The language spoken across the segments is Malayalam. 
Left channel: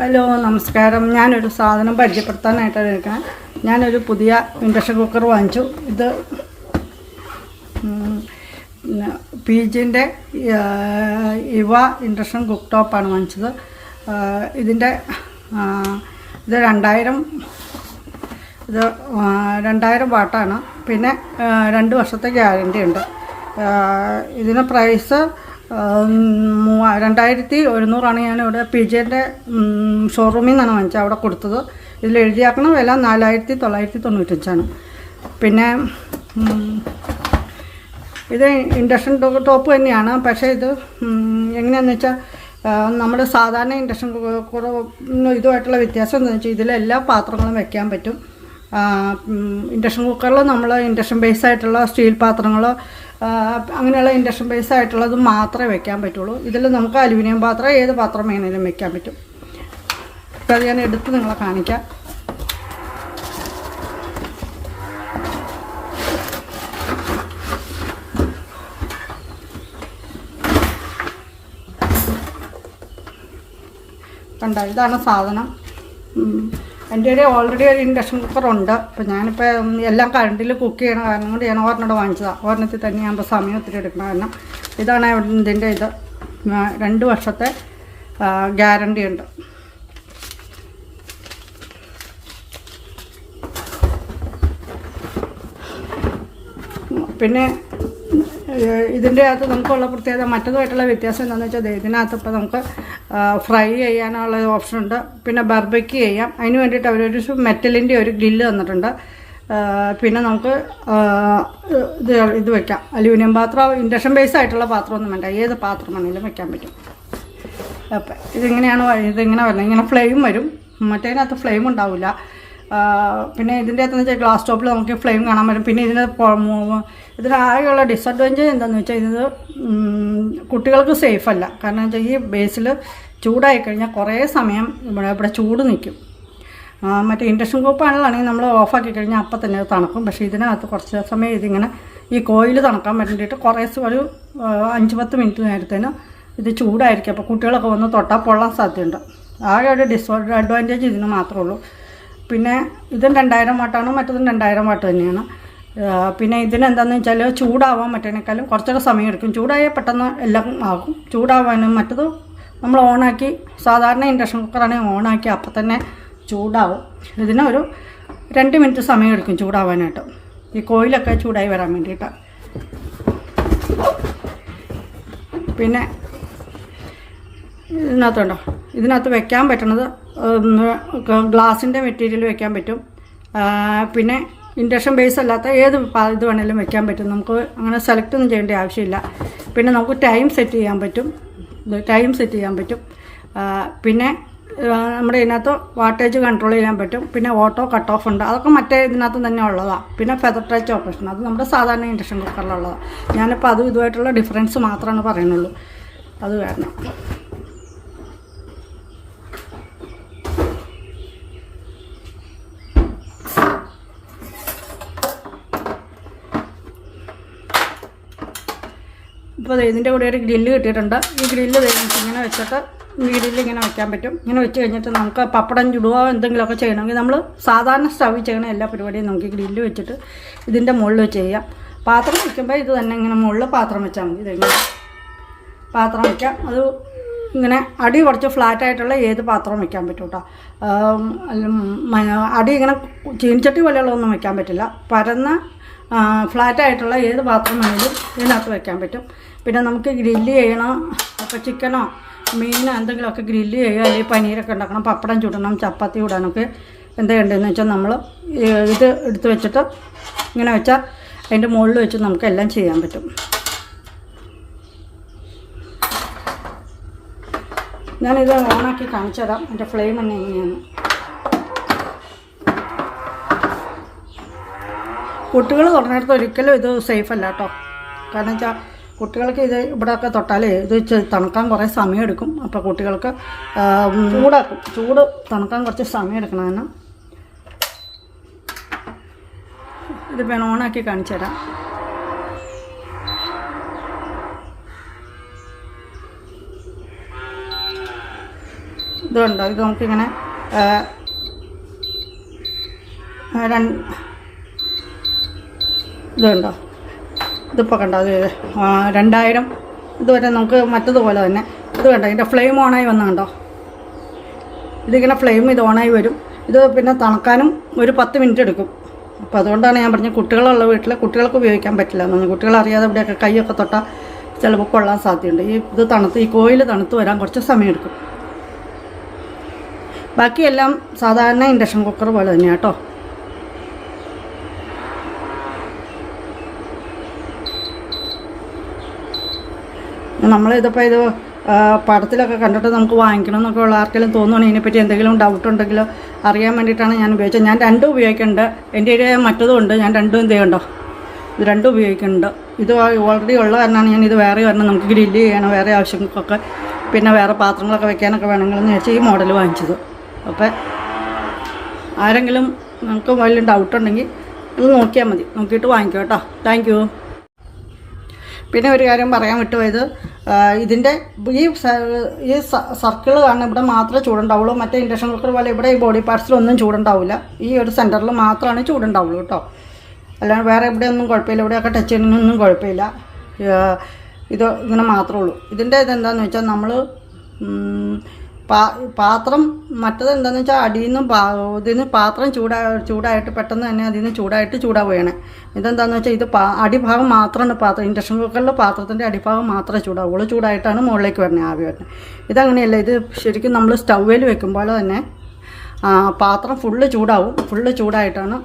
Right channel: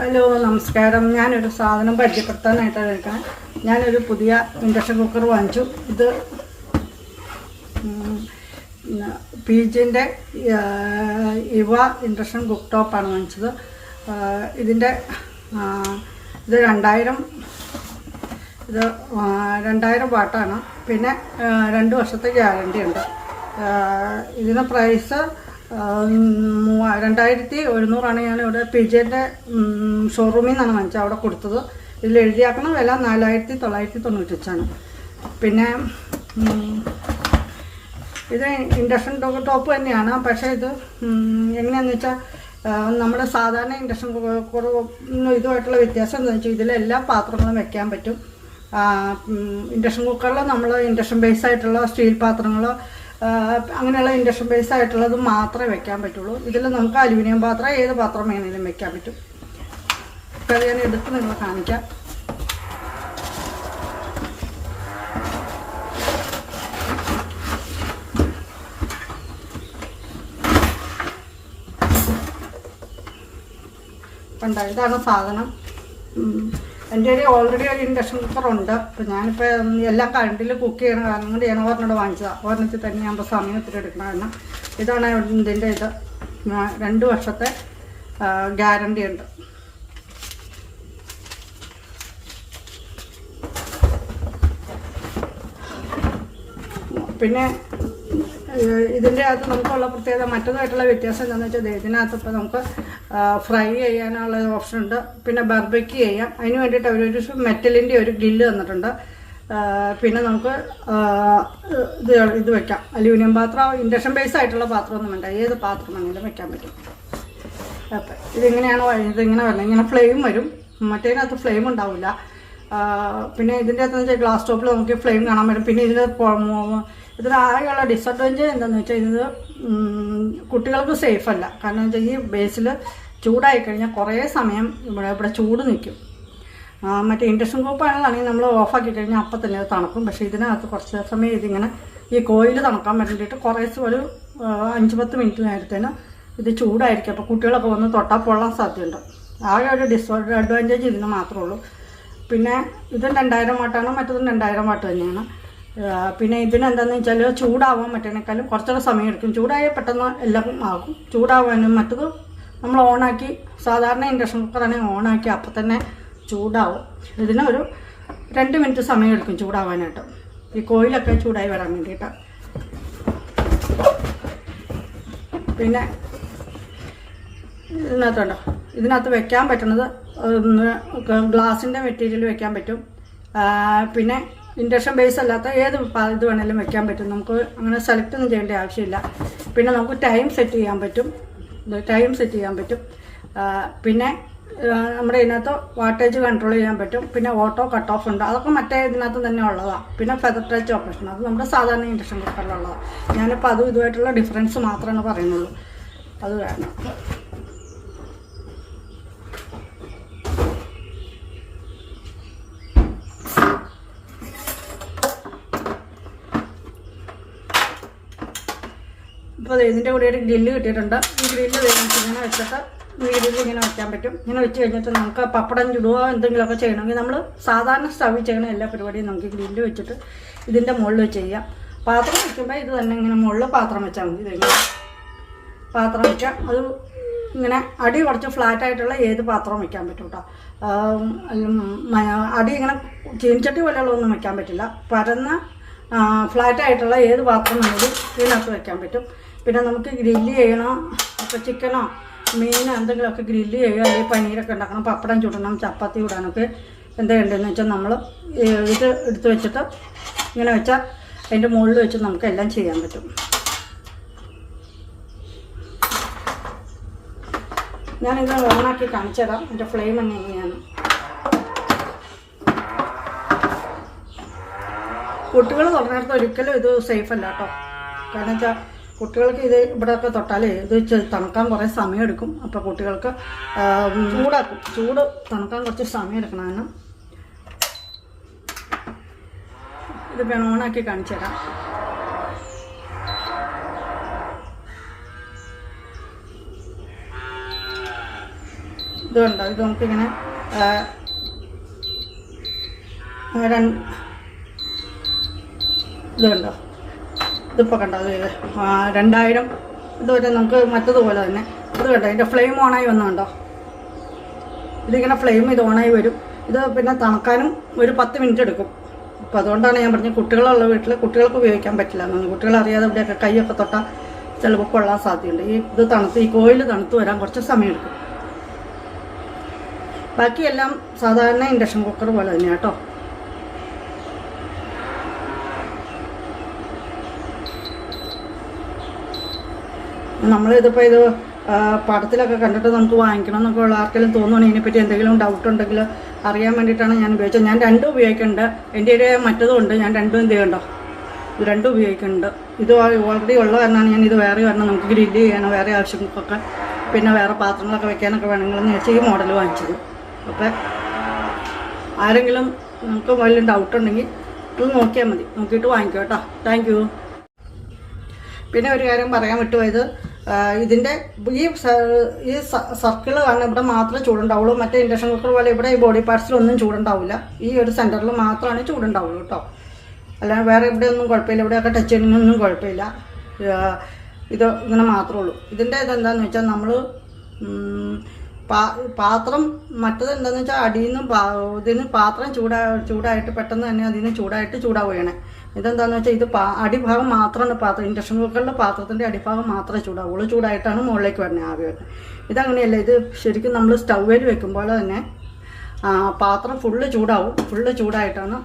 ഹലോ നമസ്കാരം. ഞാനൊരു സാധനം പരിചയപ്പെടുത്താനായിട്ടാണ് എടുക്കണം ഞാനൊരു പുതിയ ഇൻഡക്ഷൻ കുക്കർ വാങ്ങിച്ചു. ഇത് പി ജിന്റെ ഇവ ഇൻഡക്ഷൻ കുക്ക് ടോപ്പാണ് വാങ്ങിച്ചത്. ഇതിന്റെ ഇത് രണ്ടായിരം ഇത് രണ്ടായിരം വാട്ടാണ് പിന്നെ രണ്ട് വർഷത്തെ ഗ്യാരണ്ടി ഉണ്ട്. ഇതിന് പ്രൈസ് രണ്ടായിരത്തി ഒരുന്നൂറാണ് ഞാൻ ഇവിടെ പി ജെന്റെ ഷോറൂമിൽ നിന്നാണ് വാങ്ങിച്ചത് അവിടെ കൊടുത്തത്. ഇതിൽ എഴുതിയാക്കണം വില നാലായിരത്തി തൊള്ളായിരത്തി തൊണ്ണൂറ്റഞ്ചാണ്. പിന്നെ ഇത് ഇൻഡക്ഷൻ ടോപ്പ് തന്നെയാണ്. പക്ഷേ ഇത് എങ്ങനെയാണെന്ന് വെച്ചാൽ നമ്മുടെ സാധാരണ ഇൻഡക്ഷൻ കുക്കറും ഇതുമായിട്ടുള്ള വ്യത്യാസം എന്താണെന്ന് വെച്ചാൽ ഇതിലെല്ലാ പാത്രങ്ങളും വെക്കാൻ പറ്റും. ഇൻഡക്ഷൻ കുക്കറിൽ നമ്മൾ ഇൻഡക്ഷൻ ബേസ് ആയിട്ടുള്ള സ്റ്റീൽ പാത്രങ്ങൾ അങ്ങനെയുള്ള ഇൻഡക്ഷൻ ബേസ് ആയിട്ടുള്ളത് മാത്രമേ വെക്കാൻ പറ്റുള്ളൂ. ഇതിൽ നമുക്ക് അലുമിനിയം പാത്രം ഏത് പാത്രം വേണേലും വെക്കാൻ പറ്റും. അപ്പം അത് ഞാൻ എടുത്ത് നിങ്ങളെ കാണിക്കാം. കണ്ട? ഇതാണ് സാധനം. എന്റെ കയ്യിൽ ഓൾറെഡി ഒരു ഇൻഡക്ഷൻ കുക്കറുണ്ട് അപ്പം ഞാനിപ്പോൾ എല്ലാം കറണ്ടിൽ കുക്ക് ചെയ്യണ കാരണം കൊണ്ട് ഞാൻ ഒരെണ്ണം വാങ്ങിച്ചതാണ് ഒരെണ്ണത്തിൽ തന്നെ ആകുമ്പോൾ സമയം ഒത്തിരി എടുക്കണം കാരണം ഇതാണ് ഇതിന്റെ ഇത്. രണ്ട് വർഷത്തെ ഗ്യാരണ്ടി ഉണ്ട്. പിന്നെ ഇതിന്റെ അകത്ത് നമുക്കുള്ള പ്രത്യേകത മറ്റതുമായിട്ടുള്ള വ്യത്യാസം എന്താണെന്ന് വെച്ചാൽ ഇതിനകത്ത് ഇപ്പോൾ നമുക്ക് ഫ്രൈ ചെയ്യാനുള്ള ഓപ്ഷൻ ഉണ്ട്. പിന്നെ ബർബയ്ക്ക് ചെയ്യാം. അതിന് വേണ്ടിയിട്ട് അവരൊരു മെറ്റലിന്റെ ഒരു ഗ്രില്ല് തന്നിട്ടുണ്ട്. പിന്നെ നമുക്ക് ഇത് ഇത് വെക്കാം. അലൂമിനിയം പാത്രം ഇൻഡക്ഷൻ ബേസ് ആയിട്ടുള്ള പാത്രമൊന്നും വേണ്ട. ഏത് പാത്രം വേണമെങ്കിലും വെക്കാൻ പറ്റും. അപ്പം ഇതിങ്ങനെയാണ് ഇതെങ്ങനെ വരുന്നത് ഇങ്ങനെ ഫ്ലെയിം വരും. മറ്റേതിനകത്ത് ഫ്ലെയിം ഉണ്ടാവില്ല പിന്നെ ഇതിന്റെ അകത്ത് വെച്ചാൽ ഗ്ലാസ് ടോപ്പിൽ നമുക്ക് ഫ്ലെയിം കാണാൻ പറ്റും പിന്നെ ഇതിന് ഇതിനാകെയുള്ള ഡിസഡ്വാന്റേജ് എന്താണെന്ന് വെച്ചാൽ ഇത് കുട്ടികൾക്ക് സേഫ് അല്ല. കാരണം വെച്ചാൽ ഈ ബേസിൽ ചൂടായി കഴിഞ്ഞാൽ കുറേ സമയം ഇവിടെ ഇവിടെ ചൂട് നിൽക്കും മറ്റേ ഇൻഡക്ഷൻ കുപ്പാണെന്നാണെങ്കിൽ നമ്മൾ ഓഫാക്കി കഴിഞ്ഞാൽ അപ്പം തന്നെ തണുക്കും. പക്ഷേ ഇതിനകത്ത് കുറച്ച് സമയം ഇതിങ്ങനെ ഈ കോയിൽ തണുക്കാൻ വേണ്ടിയിട്ട് കുറേ ഒരു അഞ്ച് പത്ത് മിനിറ്റ് നേരത്തേന് ഇത് ചൂടായിരിക്കും. അപ്പോൾ കുട്ടികളൊക്കെ വന്ന് തൊട്ടാൽ പൊള്ളാൻ സാധ്യതയുണ്ട്. ആകെ ഒരു ഡിസ്അഡ്വാന്റേജ് ഇതിന് മാത്രമേ ഉള്ളൂ. പിന്നെ ഇതും രണ്ടായിരം വാട്ടാണ് മറ്റതും രണ്ടായിരം വാട്ട് തന്നെയാണ്. പിന്നെ ഇതിനെന്താണെന്ന് വെച്ചാൽ ചൂടാവാൻ മറ്റേനേക്കാളും കുറച്ചുകൂടെ സമയം എടുക്കും ചൂടായാൽ പെട്ടെന്ന് എല്ലാം ആകും. ചൂടാവാനും മറ്റത് നമ്മൾ ഓണാക്കി സാധാരണ ഇൻഡക്ഷൻ കുക്കറാണെങ്കിൽ ഓണാക്കി അപ്പം തന്നെ ചൂടാവും. ഇതിന് ഒരു രണ്ട് മിനിറ്റ് സമയം എടുക്കും ചൂടാവാനായിട്ട്. ഈ കോയിലൊക്കെ ചൂടായി വരാൻ വേണ്ടിയിട്ട്. പിന്നെ ഇതിനകത്തുണ്ടോ? ഇതിനകത്ത് വെക്കാൻ പറ്റണത് ഗ്ലാസിന്റെ മെറ്റീരിയൽ വെക്കാൻ പറ്റും. പിന്നെ ഇൻഡക്ഷൻ ബേസ് അല്ലാത്ത ഏത് ഇത് വേണേലും വെക്കാൻ പറ്റും. നമുക്ക് അങ്ങനെ സെലക്ട് ഒന്നും ചെയ്യേണ്ട ആവശ്യമില്ല. പിന്നെ നമുക്ക് ടൈം സെറ്റ് ചെയ്യാൻ പറ്റും. ടൈം സെറ്റ് ചെയ്യാൻ പറ്റും. പിന്നെ നമ്മുടെ ഇതിനകത്ത് വാട്ടേജ് കൺട്രോൾ ചെയ്യാൻ പറ്റും. പിന്നെ ഓട്ടോ കട്ട് ഓഫ് ഉണ്ട്. അതൊക്കെ മറ്റേ ഇതിനകത്ത് തന്നെ ഉള്ളതാണ് പിന്നെ ഫെദർ ടച്ച് ഓപ്പറേഷൻ അത് നമ്മുടെ സാധാരണ ഇൻഡക്ഷൻ കുക്കറിലുള്ളതാണ് ഞാനിപ്പോൾ അതും ഇതുമായിട്ടുള്ള ഡിഫറൻസ് മാത്രമാണ് പറയുന്നുള്ളൂ. അത് വേണം. ഇപ്പോൾ ഇതിന്റെ കൂടെ ഒരു ഗ്രില്ല് കിട്ടിയിട്ടുണ്ട്. ഈ ഗ്രില്ല് ഇങ്ങനെ വെച്ചിട്ട് വീടിൽ ഇങ്ങനെ വെക്കാൻ പറ്റും. ഇങ്ങനെ വെച്ച് കഴിഞ്ഞിട്ട് നമുക്ക് പപ്പടം ചുടുകയോ എന്തെങ്കിലുമൊക്കെ ചെയ്യണമെങ്കിൽ നമ്മൾ സാധാരണ സ്റ്റവിൽ ചെയ്യണ എല്ലാ പരിപാടിയും നമുക്ക് ഗ്രില്ല് വെച്ചിട്ട് ഇതിന്റെ മുകളിൽ ചെയ്യാം. പാത്രം വയ്ക്കുമ്പോൾ ഇത് തന്നെ ഇങ്ങനെ മുകളിൽ പാത്രം വെച്ചാൽ മതി. ഇതിങ്ങനെ പാത്രം വയ്ക്കാം അത് ഇങ്ങനെ അടി കുറച്ച് ഫ്ലാറ്റായിട്ടുള്ള ഏത് പാത്രവും വെക്കാൻ പറ്റും കേട്ടോ. അടി ഇങ്ങനെ ചീനിച്ചട്ടി പോലെയുള്ളതൊന്നും വെക്കാൻ പറ്റില്ല. പരന്ന ഫ്ലാറ്റായിട്ടുള്ള ഏത് പാത്രം വേണമെങ്കിലും ഇതിനകത്ത് വയ്ക്കാൻ പറ്റും. പിന്നെ നമുക്ക് ഗ്രില്ല് ചെയ്യണം. അപ്പോൾ ചിക്കനോ മീനോ എന്തെങ്കിലുമൊക്കെ ഗ്രില്ല് ചെയ്യുക. അല്ലെങ്കിൽ പനീരൊക്കെ ഉണ്ടാക്കണം. പപ്പടം ചുടണം. ചപ്പാത്തി ചുടാനൊക്കെ എന്താ വേണ്ടതെന്ന് വെച്ചാൽ നമ്മൾ ഇത് എടുത്ത് വെച്ചിട്ട് ഇങ്ങനെ വെച്ചാൽ അതിന്റെ മുകളിൽ വെച്ച് നമുക്ക് എല്ലാം ചെയ്യാൻ പറ്റും. ഞാനിത് ഓണാക്കി കാണിച്ചു തരാം. എന്റെ ഫ്ലെയിം എങ്ങനെയാണ്. കുട്ടികൾ തുടങ്ങിടത്ത് ഒരിക്കലും ഇത് സേഫ് അല്ല കേട്ടോ. കാരണം വെച്ചാൽ കുട്ടികൾക്ക് ഇത് ഇവിടെയൊക്കെ തൊട്ടാലേ ഇത് തണുക്കാൻ കുറേ സമയം എടുക്കും അപ്പോൾ കുട്ടികൾക്ക് ചൂടാക്കും. ചൂട് തണുക്കാൻ കുറച്ച് സമയം എടുക്കണം കാരണം ഇത് വേണം ഓണാക്കി കാണിച്ചു തരാം. ഇത് കണ്ടോ? ഇത് നമുക്കിങ്ങനെ ആ, ആ, രണ്ട് ഇത് കണ്ടോ ഇതിപ്പോൾ കണ്ടോ അത് രണ്ടായിരം. ഇതുവരെ നമുക്ക് മറ്റതുപോലെ തന്നെ. ഇത് കണ്ടോ ഇതിന്റെ ഫ്ലെയിം ഓണായി വന്ന കണ്ടോ? ഇതിങ്ങനെ ഫ്ലെയിം ഇത് ഓണായി വരും. ഇത് പിന്നെ തണുക്കാനും ഒരു പത്ത് മിനിറ്റ് എടുക്കും. അപ്പോൾ അതുകൊണ്ടാണ് ഞാൻ പറഞ്ഞത് കുട്ടികളുള്ള വീട്ടിൽ കുട്ടികൾക്ക് ഉപയോഗിക്കാൻ പറ്റില്ല എന്ന് അറിയാതെ ഇവിടെയൊക്കെ കൈയൊക്കെ തൊട്ടാൽ ചിലപ്പോൾ കൊള്ളാൻ സാധ്യതയുണ്ട്. ഈ ഇത് തണുത്ത് ഈ കോയിൽ തണുത്ത് വരാൻ കുറച്ച് സമയം എടുക്കും. ബാക്കിയെല്ലാം സാധാരണ ഇൻഡക്ഷൻ കുക്കർ പോലെ തന്നെയാണ് കേട്ടോ. നമ്മളിതിപ്പോൾ ഇത് ആ, പടത്തിലൊക്കെ കണ്ടിട്ട് നമുക്ക് വാങ്ങിക്കണം എന്നൊക്കെ ഉള്ള ആർക്കെങ്കിലും തോന്നുകയാണെങ്കിൽ ഇതിനെപ്പറ്റി എന്തെങ്കിലും ഡൗട്ട് ഉണ്ടെങ്കിലോ അറിയാൻ വേണ്ടിയിട്ടാണ് ഞാൻ ഉപയോഗിച്ചത്. ഞാൻ രണ്ടും ഉപയോഗിക്കുന്നുണ്ട്. എന്റെ കയ്യിൽ മറ്റതും ഉണ്ട് ഞാൻ രണ്ടും എന്ത് ചെയ്യണ്ടോ ഇത് രണ്ടും ഉപയോഗിക്കുന്നുണ്ട്. ഇത് ഓൾറെഡി ഉള്ള കാരണമാണ് ഞാൻ ഇത് വേറെ വരണം നമുക്ക് ഗ്രില്ല് ചെയ്യണം വേറെ ആവശ്യങ്ങൾക്കൊക്കെ പിന്നെ വേറെ പാത്രങ്ങളൊക്കെ വെക്കാനൊക്കെ വേണമെങ്കിലെന്ന് വെച്ചാൽ ഈ മോഡൽ വാങ്ങിച്ചത്. അപ്പോൾ ആരെങ്കിലും നമുക്ക് വല്ല ഡൗട്ട് ഉണ്ടെങ്കിൽ ഇത് നോക്കിയാൽ മതി. നോക്കിയിട്ട് വാങ്ങിക്കോ കേട്ടോ. താങ്ക് പിന്നെ ഒരു കാര്യം പറയാൻ വിട്ടുപോയത് ഇതിന്റെ ഈ ഈ സർക്കിൾ കാരണം ഇവിടെ മാത്രമേ ചൂടുണ്ടാവുള്ളൂ. മറ്റേ ഇൻഡക്ഷൻ കുക്കർ പോലെ ഇവിടെ ഈ ബോഡി പാർട്സിലൊന്നും ചൂടുണ്ടാവില്ല ഈ ഒരു സെന്ററിൽ മാത്രമാണ് ചൂടുണ്ടാവുള്ളൂ കേട്ടോ അല്ലാതെ വേറെ എവിടെയൊന്നും കുഴപ്പമില്ല. ഇവിടെയൊക്കെ ടച്ച് ചെയ്യുന്നൊന്നും കുഴപ്പമില്ല. ഇത് ഇങ്ങനെ മാത്രമേ ഉള്ളൂ. ഇതിന്റെ ഇതെന്താണെന്ന് വെച്ചാൽ നമ്മൾ പാത്രം മറ്റത് എന്താണെന്ന് വെച്ചാൽ അടിയിൽ നിന്നും ഇതിൽ നിന്ന് പാത്രം ചൂടാ ചൂടായിട്ട് പെട്ടെന്ന് തന്നെ അതിൽ നിന്ന് ചൂടായിട്ട് ചൂടാവുകയാണ്. ഇതെന്താണെന്ന് വെച്ചാൽ ഇത് പാ അടിഭാഗം മാത്രമാണ് പാത്രം. ഇൻഡക്ഷൻ കുക്കറിലെ പാത്രത്തിന്റെ അടിഭാഗം മാത്രമേ ചൂടാവുള്ളൂ ചൂടായിട്ടാണ് മുകളിലേക്ക് വരുന്നത് ആവി വരുന്നത്. ഇതങ്ങനെയല്ല ഇത് ശരിക്കും നമ്മൾ സ്റ്റൗവിൽ വെക്കുമ്പോൾ തന്നെ പാത്രം ഫുള്ള് ചൂടാവും. ഫുള്ള് ചൂടായിട്ടാണ്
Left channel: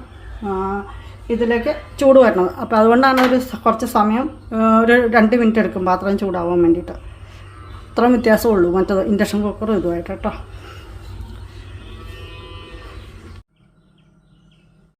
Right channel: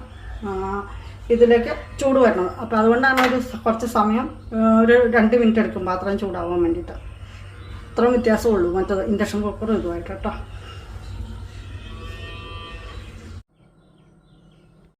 ഇതിലേക്ക് ചൂട് വരുന്നത്. അപ്പോൾ അതുകൊണ്ടാണ് ഒരു കുറച്ച് സമയം ഒരു രണ്ട് മിനിറ്റ് എടുക്കും പാത്രം ചൂടാവാൻ വേണ്ടിയിട്ട്. അത്രയും വ്യത്യാസമുള്ളൂ മറ്റേത് ഇൻഡക്ഷൻ കുക്കറും ഇതുമായിട്ട് കേട്ടോ.